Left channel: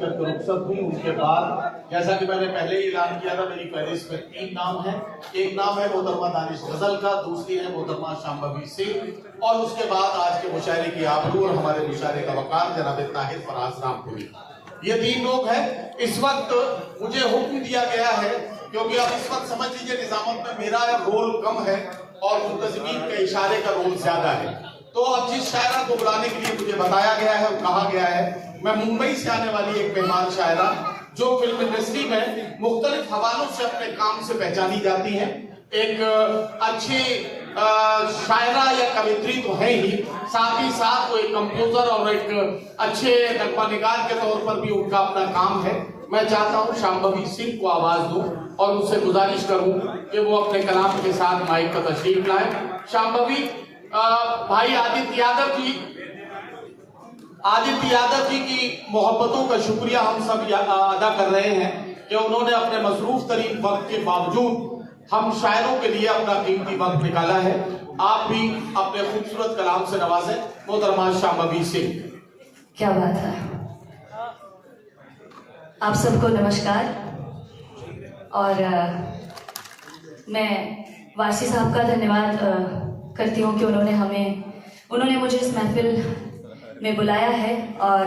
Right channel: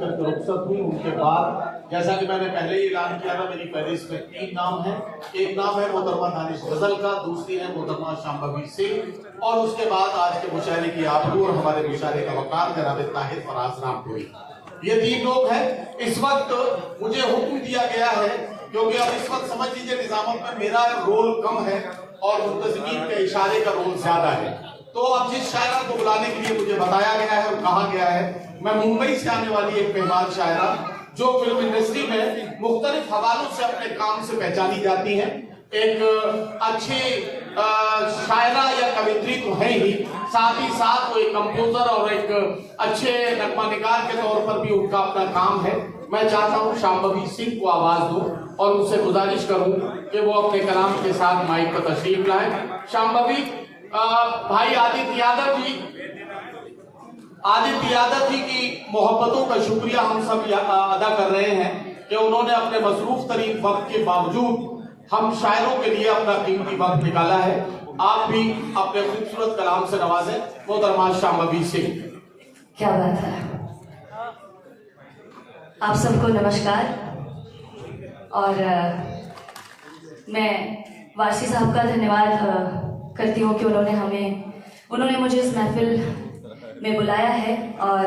करके रुखसत हुई। उनके बाद जैसा कि मैंने पहले ही ऐलान किया था, मेरी फहरिस्त में 3 नाम है। एक नाम है मोहतरमा दानिश गजल का, दूसरी है मोहतरमा शांभवी सिंह, और उसके बाद आज के मुशायरे की आबरू और हमारे मुशायरे का वकार जनाब ताहिर फराज रामपुरी। ये 3 लोग हैं। इस वक्त मुझे हुक्म दिया गया है, क्योंकि अब इस वक्त समझ लीजिए निजामत में मेरा रोल कम है और मुंतज़मीन के इशारे का रोल ज्यादा है। तो अब जिस शायरा को बुलाने के लिए मुझे बताया गया है और कहा गया है, मैं मुंबई से आने वाली एक मेहमान शायरा जो फिल्म इंडस्ट्री में मुख्तलिफ हवालों से अपने काम से पहचानी जाती है, एक अच्छी शायरा या कवित्री तो है ही, साथ ही साथ वो एक कंप्यूटर और एक अच्छे नगमानिगार के तौर पर भी उनका अपना काम है। मैं चाहता हूँ शांभवी सिंह को आवाज दूं और उनसे गुजारिश करूं कि वो अपने कलाम के साथ माइक पर तशरीफ लाएं। शांभवी, भाई आदित्य यादव जी की मोहब्बतों का शुक्रिया हम सब अदा कर रहे हैं कि उन्होंने अपने मसरूफ तरीन वक्त के बावजूद हम शायरों के लिए अपना कीमती वक्त निकाला है। आप भी अपने खूबसूरत कलाम से नवाजें मोहतरमा शांभवी सिंह। क्या बात है। आप सबको नमस्कार। और मैं वासी साहब का धन्यवाद करती हूँ कि उन्होंने मुझे इस महफिल में बुलाया है। और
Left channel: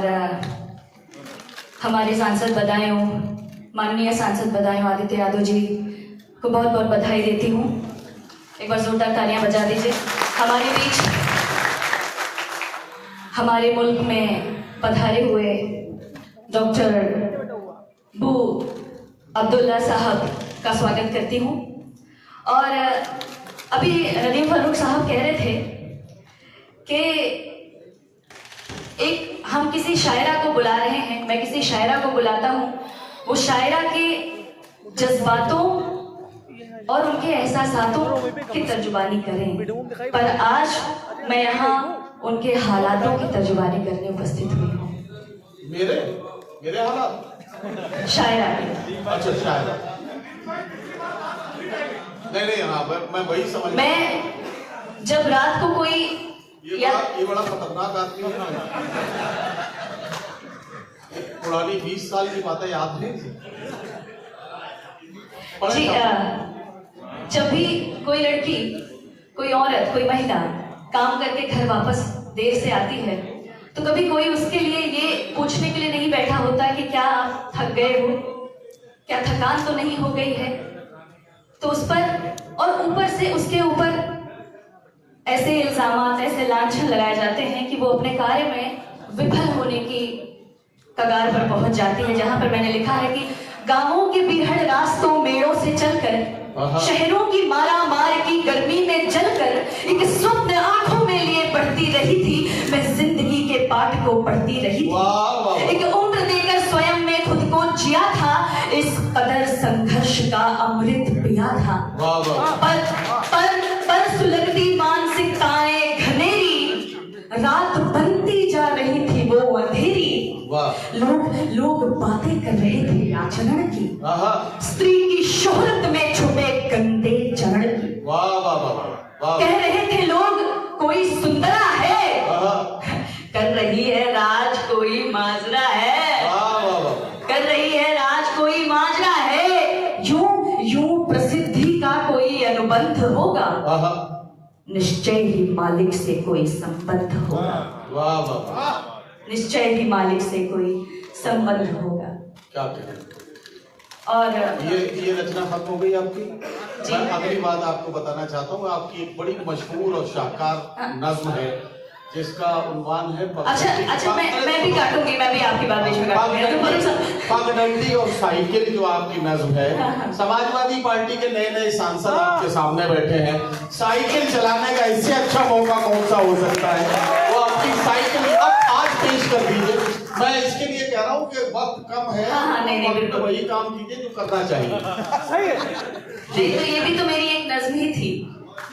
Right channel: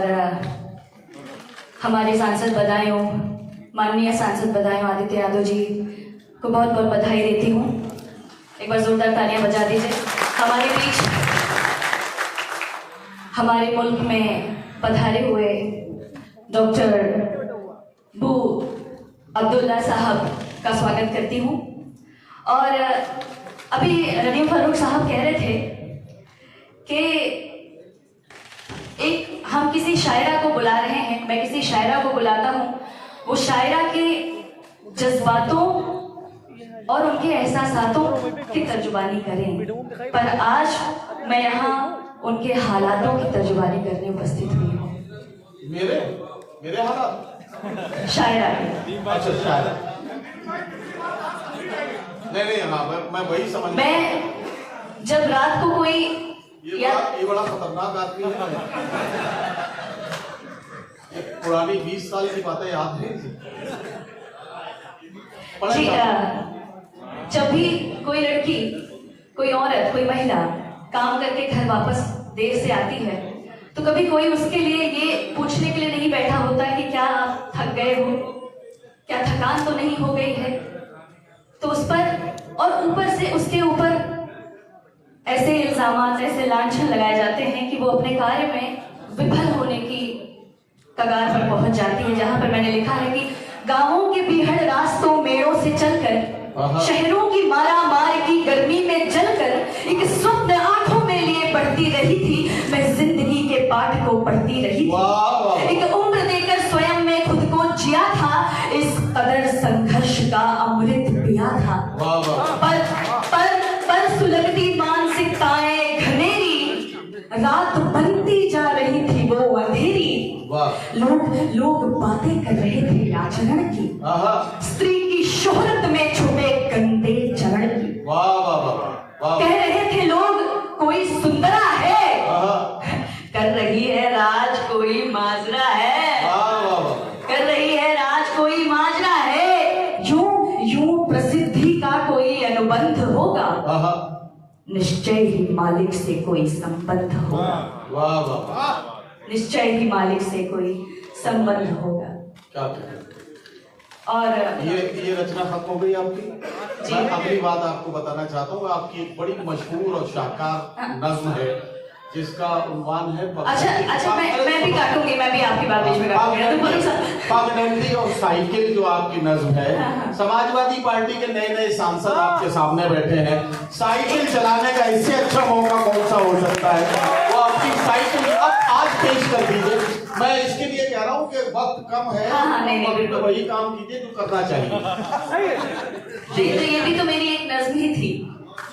हमारे सांसद बदायूं, माननीय सांसद बदायूं आदित्य यादव जी को बहुत बहुत बधाई देती हूँ। एक बार जोरदार तालियां बजा दीजिए। हमारे बीच, हमारे मुल्क में पधारे हुए डॉक्टर बू अब्दुल्ला साहब का स्वागत करती हूँ। और अभी रनीम फारूक साहब कह रहे थे कि हम किसी शायरा को बुला रहे हैं, मैं किसी शायरा को बुलाता हूँ, वो शायरा के जज्बातों और उनके एहसासातों की तर्जुमानी करें। पर आज मैं यहाँ उनके हालातों की तर्जुमानी करने उपस्थित हुई हूँ। मेरे हालात शायरा। अच्छा, शायरा। नहीं, मैं वही समझ। मैं जब रात को कोई ये बड़ा खतरनाक आदमी है। पुरानी 20 साल की बातें याद नहीं थी जी। जब भी कोई लड़की, कोई औरत, कोई महिला काम करके घर वापस देर से आती है, तो कभी कोई उसके लिए ये पूछने के लिए नहीं बैठा होता कि क्या आप थक गए हो, क्या थकान तो नहीं हो गई है। तो उस पर और ऊपर से उसके ऊपर ऐसे इल्जामात, ऐसे लांछन लगाए जाते हैं कि वो अपने कार्य में विफल होने की कगार पर पहुंच जाती है। जहां पर मैंने लिखा है कि गांवों के बीहड़ रास्तों मेड़ों से चलकर, शहरों की मारामार की गर्मी में जलकर, एक स्वप्न आंखों में लिए पढ़ती रही थी मैं, जिंदगी के पाठ को पढ़ती रही थी। एक उम्र देकर स्वयं में खुद को जिया था, इस कदर संघर्ष का अमृत पिया था। पर सुलगती मानसिकताएं घनेरी, रात बनती जा रही थी वो अंधेरी। लोग बातें कर रहे थे आचरण की, स्त्री की शोहरत में छुपे गंदे चरण की। कह रहे थे लोग कोई सुंदरा है, कर रही है राज कोई माजरा है, कर रही है राज कोई माजरा है। यूं प्रसिद्धि का कोई अनुबंध होगा, निश्चय ही मालिक से कोई संबंध होगा, निश्चय ही मालिक से कोई संबंध होगा। क्या और ये रचना खत्म हो गई आपकी। मैं अगली बात आपको बताना चाहता हूँ, आपकी एक बड़ी मशहूर और शानदार नज्म है जिसका उन्वान है। अच्छा, मैं भी काटूंगी, मैं भी आपकी बात बीच में काटूंगी। और साइकिल जो आपकी नज्म है, समाजवादी पार्टी के नए नए सांसद आपके सामने बैठे हैं, साइकिल चलाने का इससे अच्छा मौका कौन सा हो सकता है। वो आपकी साइकिल आज पेश कर दीजिए। मैं इसके लिए कह रहा हूँ कि वक्त कम है, नहीं, तो वही काम कीजिए जो करना चाहिए। तो ये भी तो मेरी एक नज्म ही थी।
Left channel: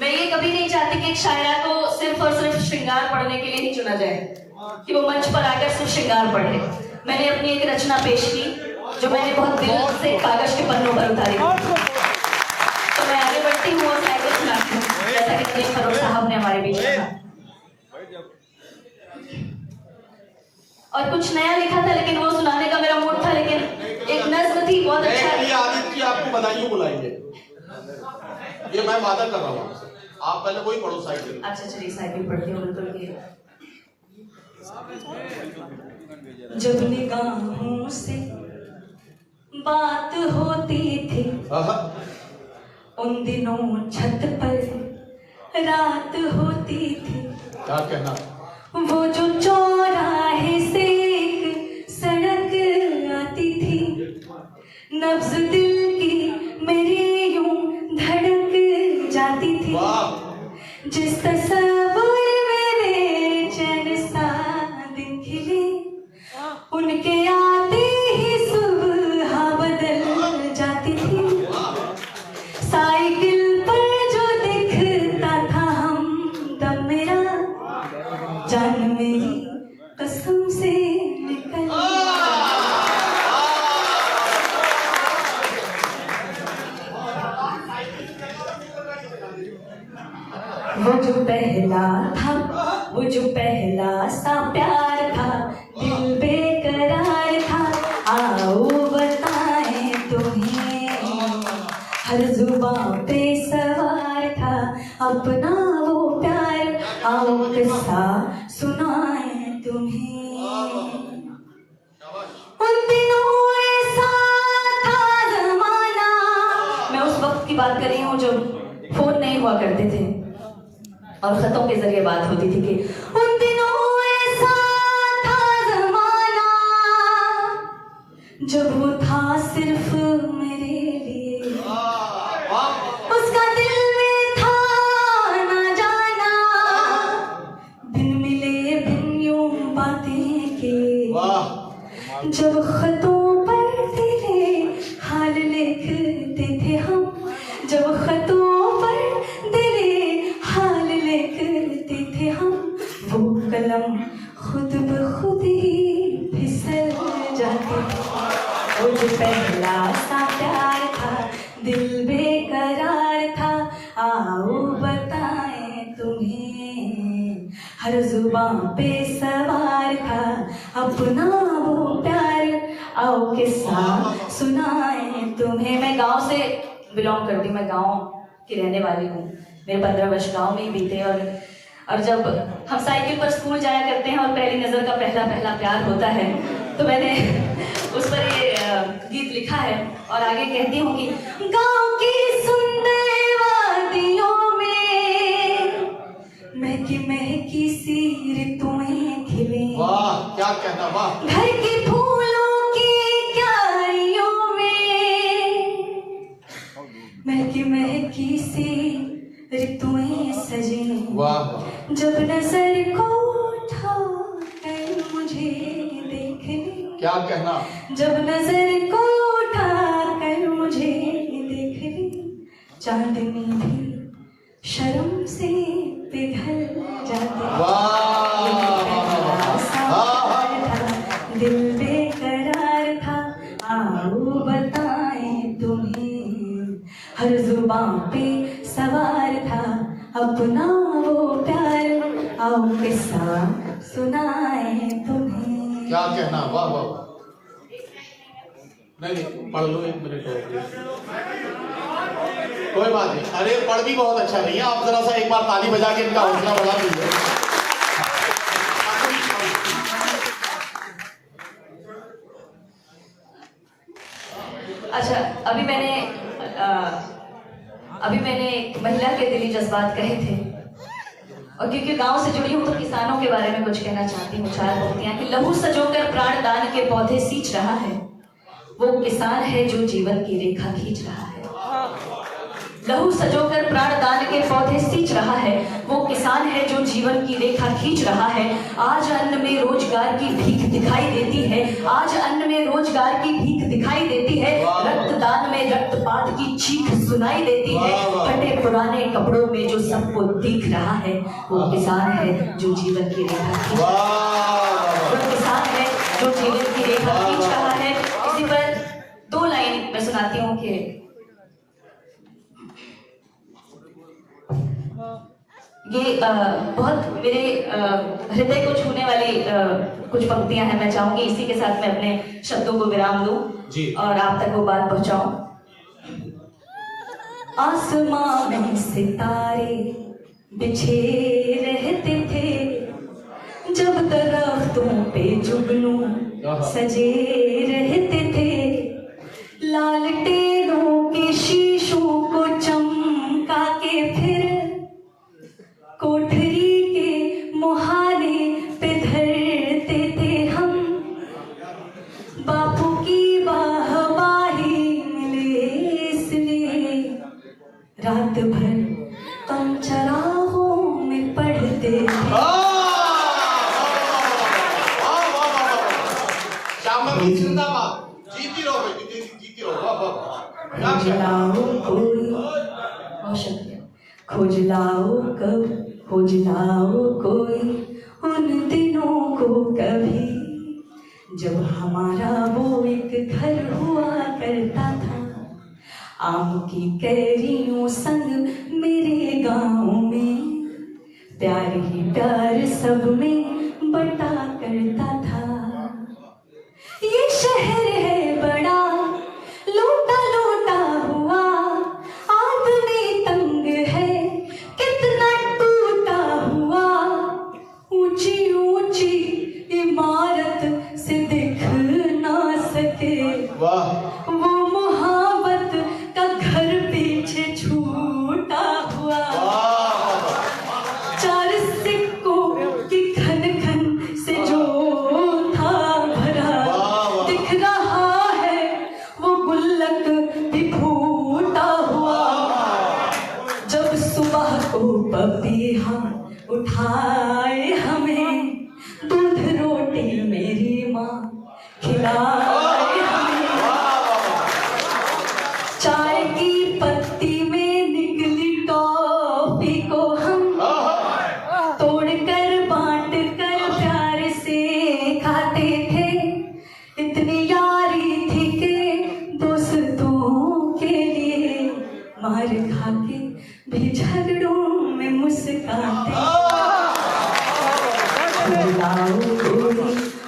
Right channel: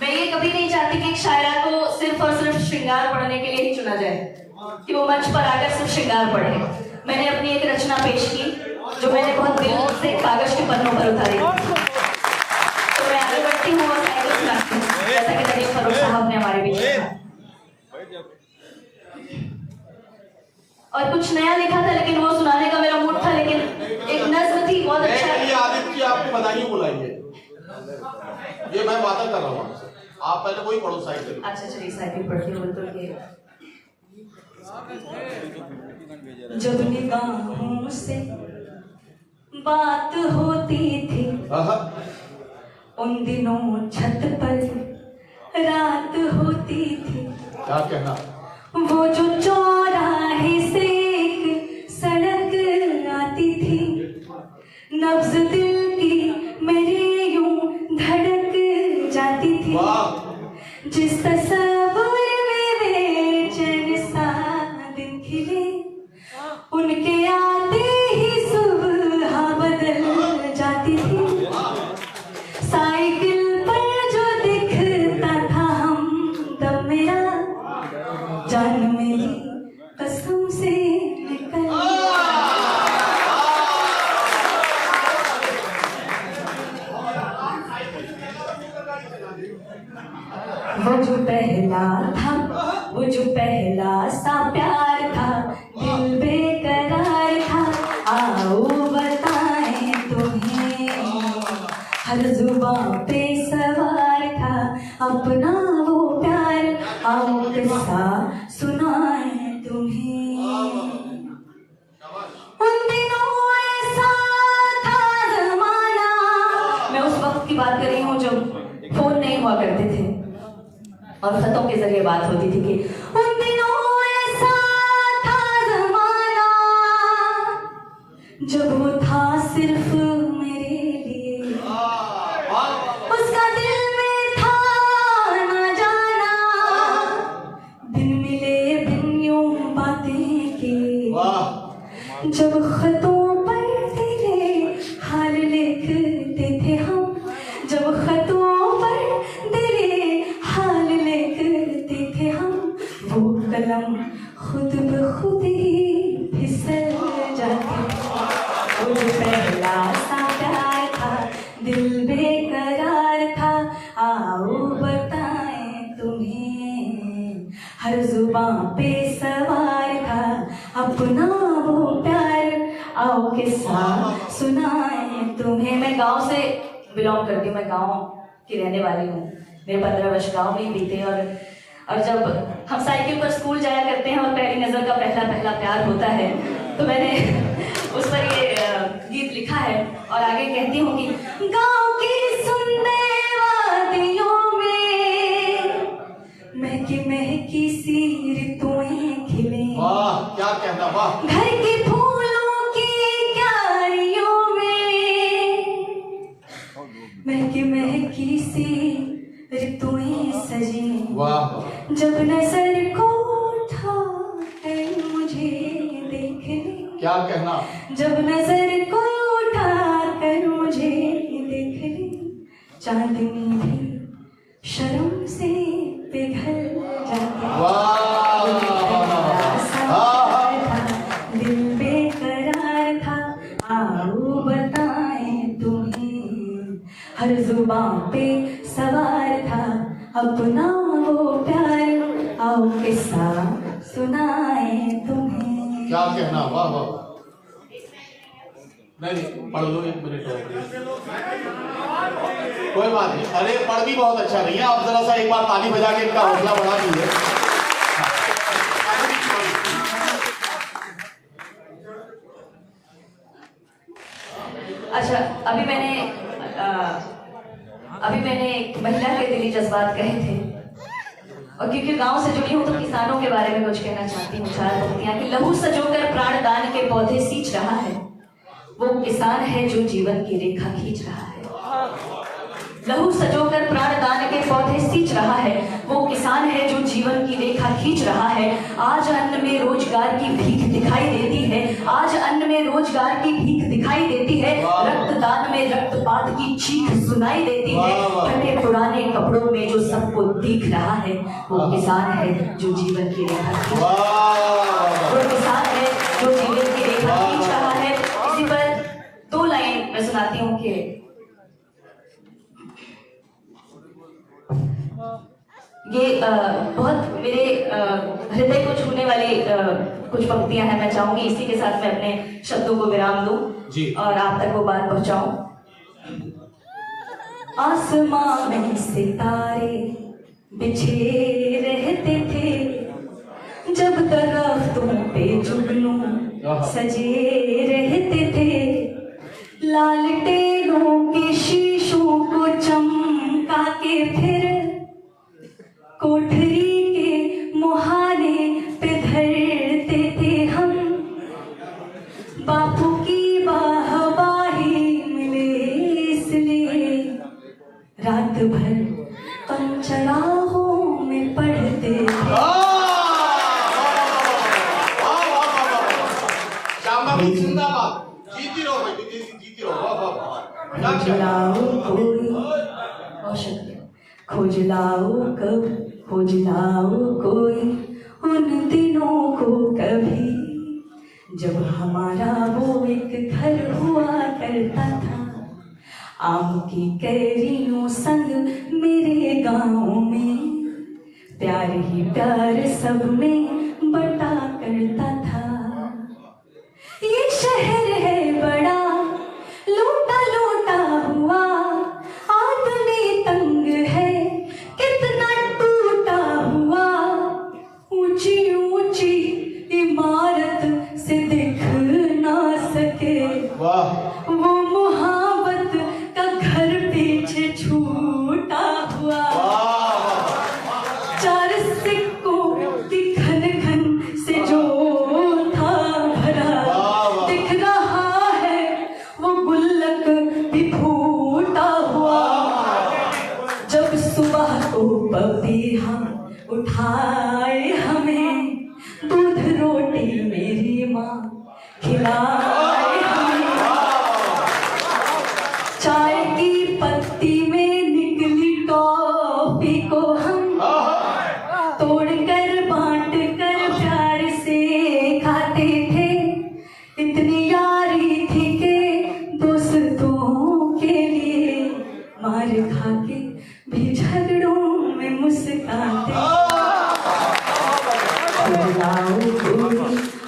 मैं ये कभी नहीं चाहती कि एक शायरा को सिर्फ और सिर्फ श्रृंगार पढ़ने के लिए ही चुना जाए, कि वो मंच पर आकर सिर्फ श्रृंगार पढ़े। मैंने अपनी एक रचना पेश की जो मैंने बहुत दिल से कागज के पन्नों पर उतारी। तो मैं आगे बढ़ती हूँ और साइकिल सुनाती हूँ, जैसा कि रनीम फारूक साहब ने हमारे बीच कहा। और कुछ नया लिखा था, लेकिन वो सुनाने का मेरा मूड रिसाइकिल पढ़ती हूँ बिल्कुल ये। जब निगाहों से बात होती थी उन दिनों छत पर रात होती थी। क्या कहना? वो जो चौराहे से एक सड़क आती थी, नब्ज दिल की मेरे यूं धड़क जाती थी। जिस तस्वीर में बेचैन सा दिन खिले, उनके आते ही सुबह बदल जाती थी। साइकिल पर जो दिखता था हमदम मेरा, जान मेरी कसम से निकल। वो जो पहला था, वो जो पहला सा प्यार था, दिल बेकरार था। आओ बताएं तुम्हें, हर जुबां पे सवार था अपना वो प्यार। आओ किस्सा सुनाएं तुम्हें। उन दिनों ऐसा था जमाना, मैं उस वक्त की बात कर रही हूँ जब फोन नहीं हुआ करते थे और खतों के जरिए बात होती थी कि उन दिनों ऐसा था जमाना, जब वो था सिर्फ मेरे लिए। उसका दिल में था ना जाना, दिन मिले दिन यूं बातें के। जब खतों पर तेरे हाल लिखते थे हम, जब खतों पर तेरे हाल लिखते थे हम, वो कलम खुद ब खुद ही फिसल जाती थी। वो जो पहला सा प्यार था, दिल बेकरार था। आओ बताएं तुम्हें, हर जुबां पे सवार था अपना वो प्यार। आओ किस्सा सुनाएं तुम्हें। मैं गांव से बिलोंग करती हूँ, मैं गांव की रहने वाली हूँ। मेरे 15 वर्ष गांव में ही बीते और जब हम साइकिल पर स्कूल जाया करते हैं और पहली नजर का पहला पहला प्यार होता है, तो मैंने उस पर ये गीत लिखा है और आगे कहती हूँ कि गांव की सुंदर वादियों में महकी सी ऋतुएं खिले। वाह, क्या कहना, वाह। घर के फूलों की क्यारियों में महकी सी ऋतुएं सजे। वाह। जब नजर को उठाकर मुझे देख ले। क्या कहना? जब नजर को उठाकर मुझे देख ले, चांदनी भी शर्म से पिघल जाती। दिल बेकरार था। आओ बताएं तुम्हें, हर जुबां पे सवार था अपना वो प्यार। आओ किस्सा सुनाएं तुम्हें। क्या कहना, वाह वाह। नहीं पढ़ लो, 1 मिनट है, कोई बात नहीं। अरे पढ़ भी बहुत अच्छा रही है। आप जरा सा एक बार ताली बजा के इनका हौसला बढ़ा दीजिए। अच्छा, अभी मैंने एक महिला के दिली जज्बात कहे थे, और क्योंकि गांव से जुड़ी हूं तो किसानों के बारे में कुछ कहना चाहती हूँ। 4 पंक्तियां कि लहू सजोकर प्राण दान के पौधे सींच रहा है, वो किसान है जो जीवन की रेखा खींच रहा है। लहू सजोकर प्राण दान के पौधे सींच रहा है, वो किसान है जो जीवन की रेखा खींच रहा है। आज अन्न में रोजगार की भीख दिखाई देती है, आज अन्न में रोजगार की भीख दिखाई देती है। रक्तदान में रक्तपात की चीख सुनाई देती है। फटे पुराने कपड़ों में जो सबको दिख रहा है, वो किसान है जो जीवन की रेखा खींच रहा है। वो किसान है जो जीवन की रेखा खींच रहा है। इसी पर 2 लाइन मैं सुनाती हूँ कि ये बहुत मेरे हृदय को छूने वाली कुछ पंक्तियां हैं। मैं चाहूंगी इसी के साथ मैं अपने शब्दों को विराम दूं और आप तक वो बात पहुंचाऊं। आसमां में सितारे बिछे रहे दरख्तों पे जुगनू सजे रहते थे, लालटेनों के शीशों को चमका के फिर कोठरी के मुहाने पे धरते थे हम। बापू की वाहवाही मिले इसलिए रात भर हम चराहों में पढ़ते थे। जिंदाबाद, जीती रहो बेटी, जीती रहो। वाह वाह, खोज लाओ कोई, बहुत शुक्रिया। खोज लाओ कब, खोज लाओ कोई उन दिनों को कभी, जब हमारा वो एक घर हुआ करता था। आम की कैरियों संग मेरे गाँव में, प्यार ही प्यार सब में बटा करता था। ये शहर है बड़ा लूटा लूटा हुआ, आदमी तंग है कितना टूटा हुआ। ऊंची ऊंची इमारत से दिख ना सके, वाह, वो मोहब्बत का घर पीछे छूटा हुआ। चार सिक्कों की खन खन से जो था भरा, दिख रहा है वो गुल्लक भी फूटा हुआ। जब सुबह को पपी हम उठाए, हमें दूध रोटी मेरी माँ खिलाए हमें। चाय की पत्ती में निकली टॉफी को हम तोड़कर बांट कर प्यार से खाते थे। इतनी यारी थी के दोस्तों के लिए मार खा के भी झगड़ों में मुस्काते। खोज लाओ कोई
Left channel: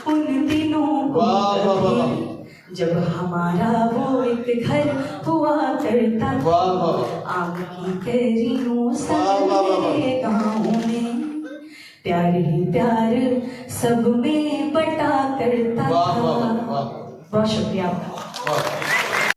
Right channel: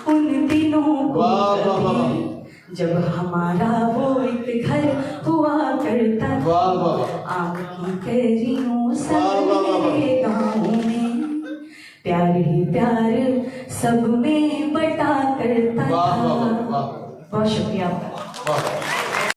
उन दिनों को कभी, जब हमारा वो एक घर हुआ करता था। आग की कैरियों संग मेरे गाँव में, प्यार ही प्यार सब में बटा करता था। बहुत शुक्रिया आपका।